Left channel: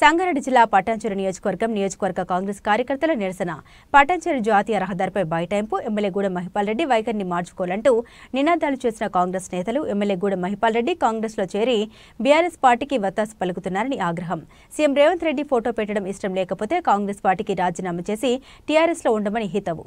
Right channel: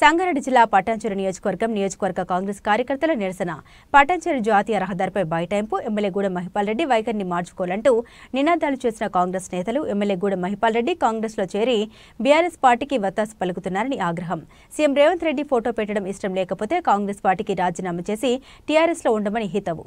సంగారెడ్డి జిల్లా పటాన్చెరు నియోజకవర్గ కాంగ్రెస్ కార్యకర్తల నిరసన. పటాన్చెరు జాతీయ రహదారిపై బైఠాయింపు. ఎమ్మెల్యే గూడెం మహిపాల్ రెడ్డి వైఖరిని మార్చుకోవాలంటూ నినాదాలు చేసిన కాంగ్రెస్ నేతలు ఎమ్మెల్యే గూడెం మహిపాల్ రెడ్డి కాంగ్రెస్లో చేరి బీఆర్ఎస్ పార్టీకి వత్తాసు పలుకుతున్నారని ఆగ్రహం. సీఎం రేవంత్ రెడ్డి ఫోటో పెట్టడం ఇష్టం లేకపోతే కాంగ్రెస్ పార్టీకి రాజీనామా చేసి టీఆర్ఎస్లో ఉండమని హితవు.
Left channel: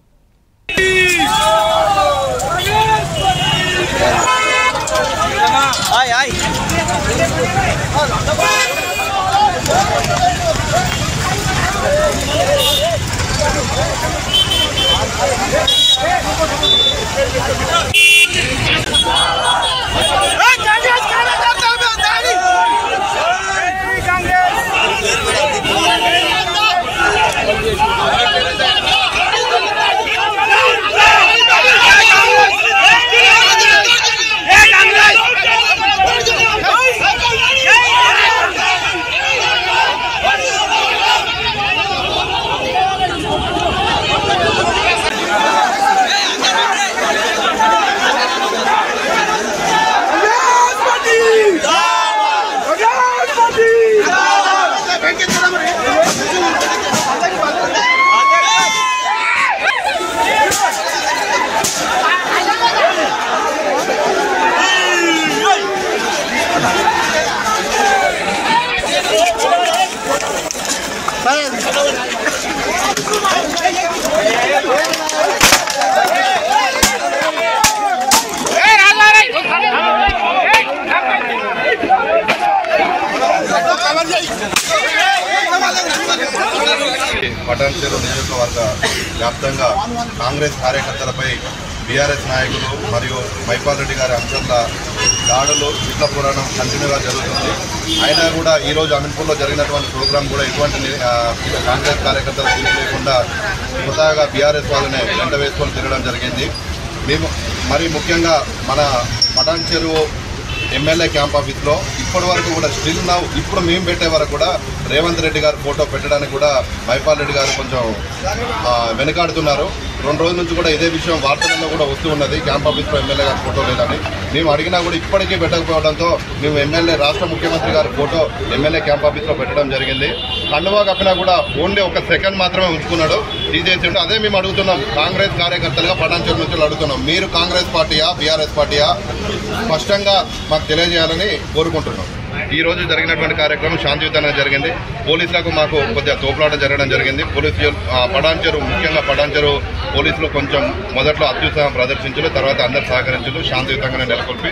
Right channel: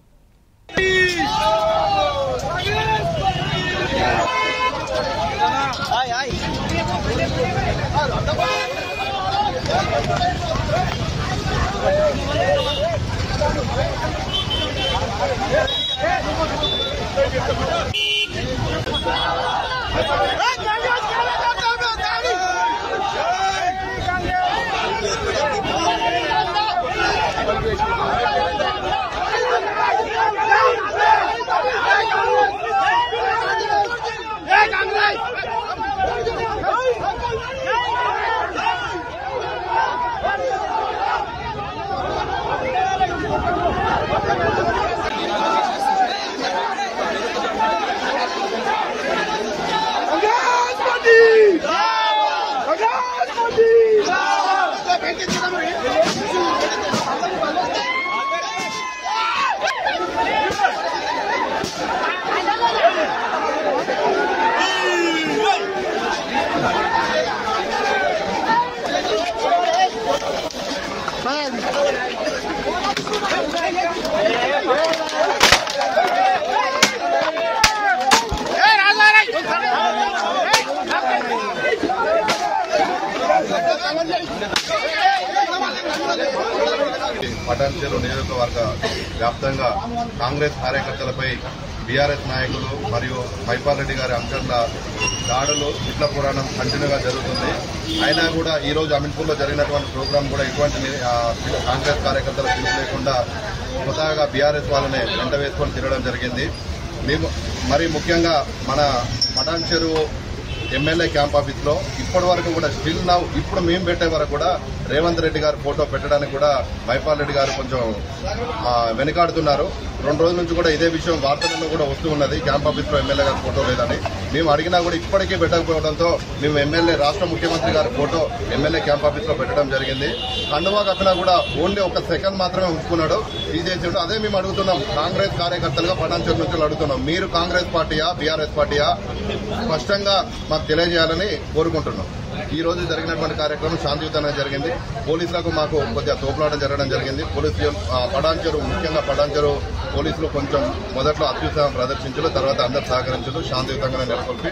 పటాన్చెరు నియోజకవర్గ వ్యాప్తంగా కాంగ్రెస్ కార్యకర్తలపై బీఆర్ఎస్ నాయకులు మరియు మహిపాల్ రెడ్డి గారి అనుచరుల దాడులు చిట్ల పురాణం కంటిన్యూగా జరుగుతుంది. అయినా కూడా ఈరోజు అమీన్పూర్లో జరిగినటువంటి ప్రోగ్రాం కూడా ఎటువంటి కాంగ్రెస్ కార్యకర్తలు లేకుండా స్వతహాగా బీఆర్ఎస్ వాళ్ళనే వెంట వేసుకొని తిరగడం జరిగింది. మరి ముఖ్యంగా మన పటాన్చెరు ఎమ్మెల్యే క్యాంప్ ఆఫీస్లో ఇప్పటి వరకు కూడా స్టిల్ నౌ ఇప్పుడు మేము పెట్టే వరకు కూడా రేవంత్ రెడ్డి గారు ఫోటో పెట్టడానికి కూడా మహిపాల్ రెడ్డి గారు కొంచెం వెనకాడుతున్నారు. 2 రోజుల నుంచి కూడా ఇదే విషయం వార్తల్లో కూడా వస్తూ ఉన్నది. క్యాంప్ ఆఫీస్లో ఎమ్మెల్యే గారి ఫోటో లేదని మేము అడిగినా కూడా ఇప్పటికీ పెట్టకపోవడంతో మేము ఎమ్మెల్యే రాష్ట్ర ముఖ్యమంత్రి గారి ఫోటో ఎమ్మెల్యే క్యాంప్ ఆఫీస్లో పెట్టడం జరిగింది. కండువా కప్పినా కూడా ఓన్లీ 1 సెకండ్ మాత్రమే ఉంచుకున్నాడు, తీసేసి. అదే మేము అడుగుతున్నాం, కాంగ్రెస్ కార్యకర్తలుగా పటాన్చెరు నుంచి అడుగుతున్నాం, మీరు కాంగ్రెస్ పార్టీయా బీఆర్ఎస్ పార్టీయా స్పష్టంగా మాకు తెలియజేయాలని కోరుకుంటున్నాం. ఈ రోజు జరిగినటువంటి కార్యక్రమం శాంతియుతంగా జరిగింది. పోలీసులకు మాకు కొద్దిగా తోపులాట జరగడం జరిగింది. పోలీసులు ముఖ్యంగా పటాన్చెరు పోలీసులు కొంచెం మొదట్లో అత్యుత్సాహం ప్రదర్శించారు, తర్వాత అందరు సహకరించారు. శాంతియుతంగానే నెలకొల్పి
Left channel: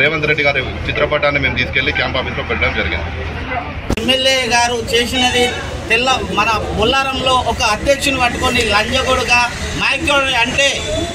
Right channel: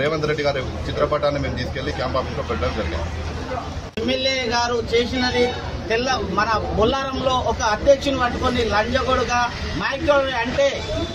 రేవంత్ రెడ్డి గారి చిత్రపటాన్ని మేము తీసుకెళ్లి క్యాంప్ ఆఫీస్లో పెట్టడం జరిగింది. ఎమ్మెల్యే గారు చేసినది మన బొల్లారంలో ఒక అధ్యక్షుని పట్టుకొని లంజగొడుగా నాయకుడు అంటే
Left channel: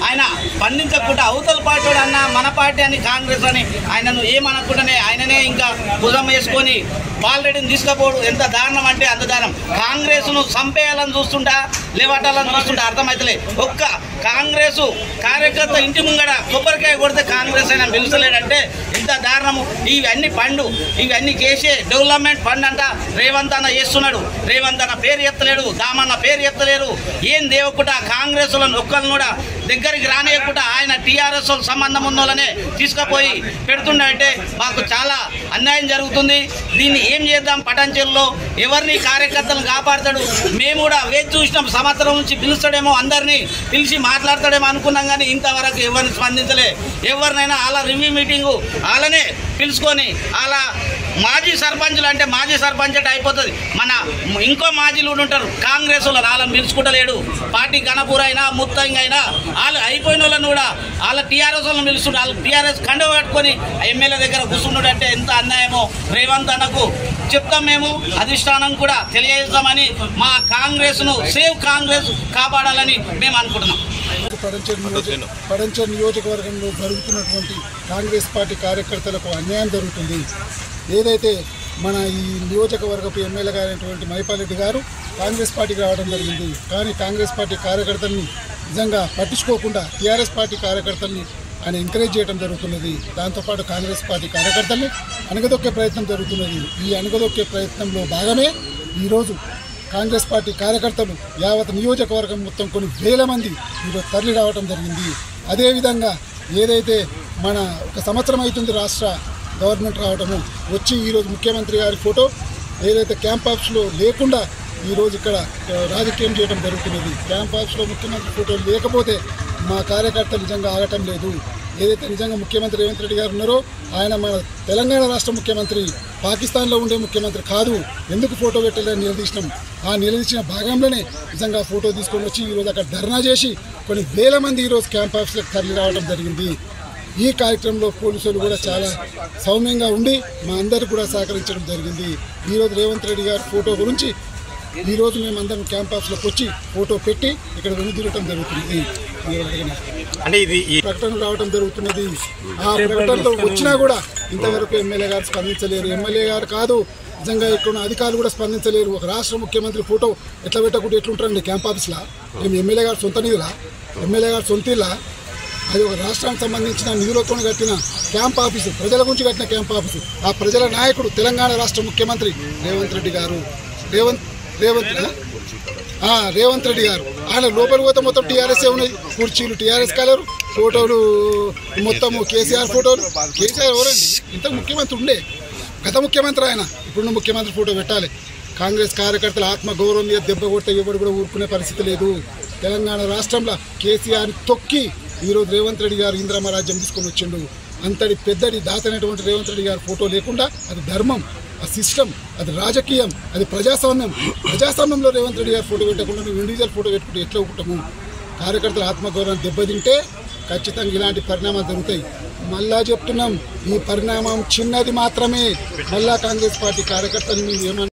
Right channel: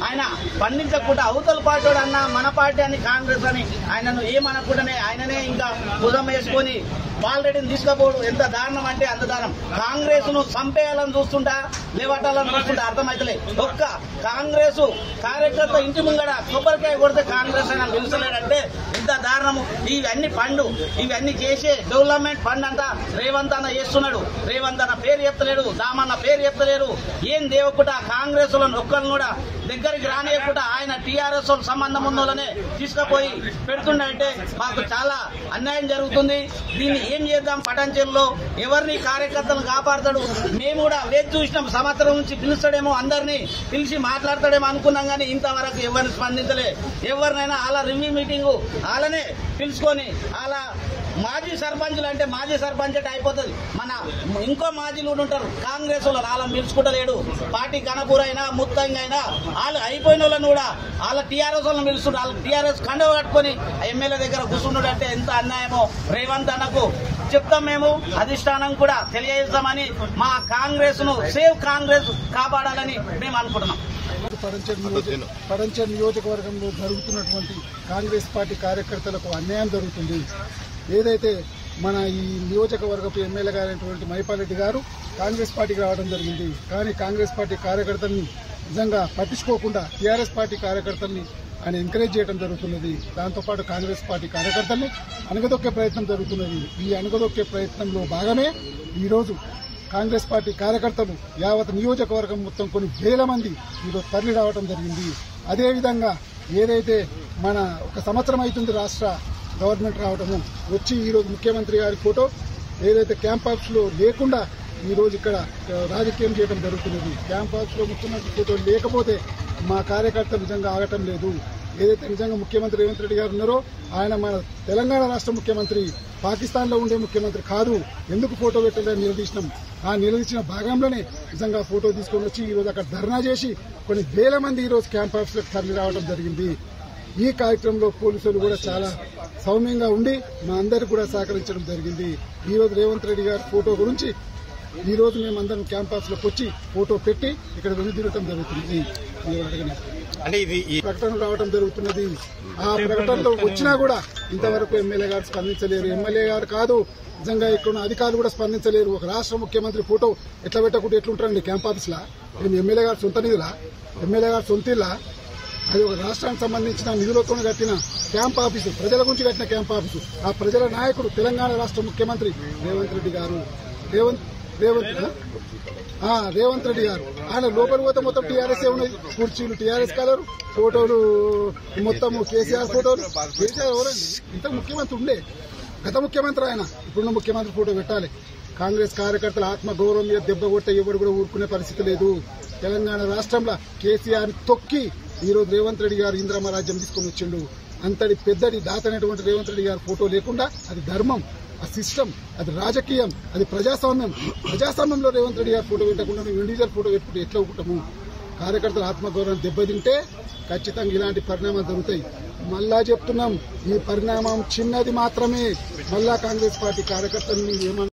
ఆయన పండించకుండా అవతల పార్టీ అన్న మన పార్టీ అని కాంగ్రెస్ అని ఆయనను ఏమనకుండానే ఆయననే ఇంకా భుజం వేసుకొని బాలరెడ్డిని తీసుకపోవడం ఎంత దారుణం అంటే అంత దారుణం. కాంగ్రెస్ను చంపేయాలని చూస్తుంటా లేవటాలని చూస్తుంటా అర్థమైతలే. ఒక్క కాంగ్రెస్ కార్యకర్త ఇంటి ముంగడ కొబ్బరికాయ కొడితే కాంగ్రెస్ అయినా పిలుస్తలేడంటే ఇంత దారుణము. ఇవన్నీ చేసే డెవలప్మెంట్ ఫండ్ అంట రేవంత్ అన్న చేస్తున్నాడు. రేవంత్ అన్న పేరు ఎత్తలేడు, దామన్న పేరు ఎత్తలేరు. ఏం దేవకుండా కాంగ్రెస్ ఒక్కరిని కూడా దగ్గరికి రానియకుండా ఆయన టీఆర్ఎస్ సంబంధం ఉన్నోళ్ళనే తీసుకుపోయి పెడుతుండే మాకు చాలా అన్యాయం జరుగుతుంది. దీన్ని ఏం చేద్దాం? పటాన్చెరులో ఎవరిని కార్యకర్తలను కాపాడతాడు? మేము కూడా వేచి చూసినాం, సంవత్సరం నుంచి పిలుస్తాడేమో, అందరినీ పిలిచి మాట్లాడతాడేమో అనుకున్నాం, కానీ ఇంతవరకు ఎవరిని స్పందించలే. ఎవరినైనా అలా రివ్యూ మీటింగు అలానే పిలుచుకొని అలా మాజీ సర్పంచులు అంటే మాజీ సర్పంచ్ అంటే అయిపోతుంది. మన ఇంకో మాజీలు ఉంటారు కాంగ్రెస్ వాళ్ళు, వాళ్ళని పిలుచుకుంటలేడు. పార్టీ గణపూర్ అయినా ముత్తంగా అయినా వాళ్ళు అయిపోయిన వాళ్ళని కూడా వాళ్ళ టీఆర్ఎస్ వాళ్ళని పిలుస్తుంటారు. వాళ్ళు టీఆర్ఎస్ కండ పట్టుకొని ఎమ్మెల్యే దగ్గర కూర్చున్నాడు అంటే ఎంత అన్యాయమో. రేవంత్ అన్నకు చెప్తాం, మేము అధిష్టానం కూడా తెలియజేస్తామని, మా కాంగ్రెస్ను సేవ్ కాంగ్రెస్ కాపాడాలని మేము అనుకుంటున్నాం. పటాన్చెరు నియోజకవర్గంలో జరుగుతున్నటువంటి కాంగ్రెస్ పార్టీ కార్యకర్తలకు అన్యాయం జరుగుతుంది. ఏదైతే మన ఈ నియోజకవర్గపు ఎమ్మెల్యే గారైనటువంటి మహిపాల్ రెడ్డి గారు కాంగ్రెస్ పార్టీకి రావడం జరిగింది. కానీ కాంగ్రెస్ పార్టీ కార్యకర్తల్ని నిజంగా పట్టించుకోకుండా టీఆర్ఎస్ పార్టీ కార్యకర్తల్ని ఆయన ఎంకరేజ్ చేయడం జరుగుతున్నది. దాంతోపాటు కాంగ్రెస్ పార్టీ కార్యకర్తల్ని అణగదొక్కే ప్రయత్నం జరుగుతున్నది. ఈ అణగదొక్కే ప్రయత్నంలో భాగమే ఈరోజు కాంగ్రెస్ పార్టీ కార్యకర్తలు యావత్ నియోజకవర్గం మొత్తం కొన్ని వేల మంది ఈరోజు తరలి రావడం జరిగింది. అదేవిధంగా ఏదైతే మన 1 సంవత్సరం అవుతుంది రాష్ట్ర గవర్నమెంట్ రావడము, వచ్చి ఈరోజు ముఖ్యమంత్రి గారి ఫోటో ఏదైతే క్యాంప్ ఆఫీస్లో లేకుండా ఈరోజు ఇక్కడ రాజకీయం చేయడం జరుగుతున్నది. క్యాంప్ ఆఫీస్లో ముఖ్యమంత్రి ఫోటోలు లేకపోతే మా కార్యకర్తలు నిజంగా ఆగటం లేదు. ఏదైతే నిజంగా ముఖ్యమంత్రి రేవంత్ రెడ్డి గారు ఉన్నారో ఆయన మన తెలంగాణ రాష్ట్ర ముఖ్యమంత్రి, పాకిస్తాన్లో ఉండే ముఖ్యమంత్రి కాదు, ఎందుకు ఫోటో పెట్టాలని నిలదీసినాం. ఆ నిలదీసిన భాగంలోనే నిజంగా ఫోటో తీసుకొని వచ్చి ఈరోజు అక్కడ ధర్నా చేసి కొన్ని వేల మంది ఈరోజు క్యాంప్ ఆఫీస్లకు తరలి రావడం జరిగింది. ఈ కార్యక్రమంలో పోలీసులు కూడా చాలా సౌమ్యంగా ఉండి మా అందరికీ కూడా సహకరించడం జరిగింది. ఈరోజు రేవంత్ రెడ్డి గారి ఫోటో గురించి ఈరోజు మేమందరం క్యాంప్ ఆఫీస్లోకి వచ్చి ఫోటో పెట్టి ఇక్కడ వెనుదిరగటం జరుగుతుంది. అంటే ఇది ప్రకటన రావడం జరుగుతున్నది. ఆ ప్రకటనలో వచ్చినా కూడా ఇంతవరకు ఎమ్మెల్యే గారు స్పందించలేరు. ఎమ్మెల్యే గారు కాదు, నిజంగా ఇక్కడ ఉన్న అధికారులు కూడా స్పందించలేరు. ఒక రాష్ట్ర ముఖ్యమంత్రి ఫోటో ఎట్లా పెట్టకుండా ఎట్లుంటారండి క్యాంప్ ఆఫీస్లో? ఎమ్మెల్యే గారు సొంత నిధులా? ఎమ్మెల్యే గారు సొంత ఇల్లా? అది ఒక రాష్ట్రానికి సంబంధించిన నిధులతో కట్టిన క్యాంప్ ఆఫీసు, ప్రజల గురించి కట్టిన క్యాంప్ ఆఫీసు. ఆ ప్రజల నాయకుడు తెలంగాణ రాష్ట్ర ముఖ్యమంత్రి రేవంత్ రెడ్డి గారు. రేవంత్ రెడ్డి గారు ఆయన లోపలికి పోతే మొత్తం టీఆర్ఎస్ ఉన్నాయి. కుర్చీలు టీఆర్ఎస్ కలరు, ఫోటోలు మొత్తము కేసీఆర్ ఫోటోలు. కేసీఆర్ ఎవరండి? ఇంత ముఖ్యమంత్రి ఉండే, గత ముఖ్యమంత్రి ఆయన. ఇప్పుడున్న ముఖ్యమంత్రి ఫోటో పెట్టాలి. కాంగ్రెస్ కార్యకర్తల ఆత్మగౌరవం మీద దెబ్బ కొట్టే ఎవడు కూడా ఊరుకునే పరిస్థితి లేదు. తెలంగాణ రాష్ట్రంలో కేసీఆర్ తొక్కి ఈరోజు రేవంత్ రెడ్డి గారు ఇంద్రమ్మ రాజ్యం తీసుకొని వచ్చిండు. అంతటి పెద్దడి దాతనటువంటి రేవంత్ రెడ్డి గారి ఫోటో లేకుండా అది ధర్మం, ఆ సిస్టమ్, అది రాజకీయం, అది ప్రజాస్వామ్యం. ప్రజాస్వామ్యంలో రేవంత్ రెడ్డి గారి ఫోటో పెట్టకుండా నువ్వు ఇండివిజువల్ ఫోటో పెట్టుకుంటే ఎట్లా ఒప్పుకుంటాము? కార్యకర్తల ఆత్మగౌరవం దెబ్బతింటే ఖచ్చితంగా ఇలాంటి పరిణామాలు జరుగుతాయి. మళ్ళా చెప్తున్నాం, ఈ పరిణామం చిన్నది మాత్రమే. మళ్ళా కాంగ్రెస్ పార్టీ కార్యకర్తలు మేము ఏమన్నా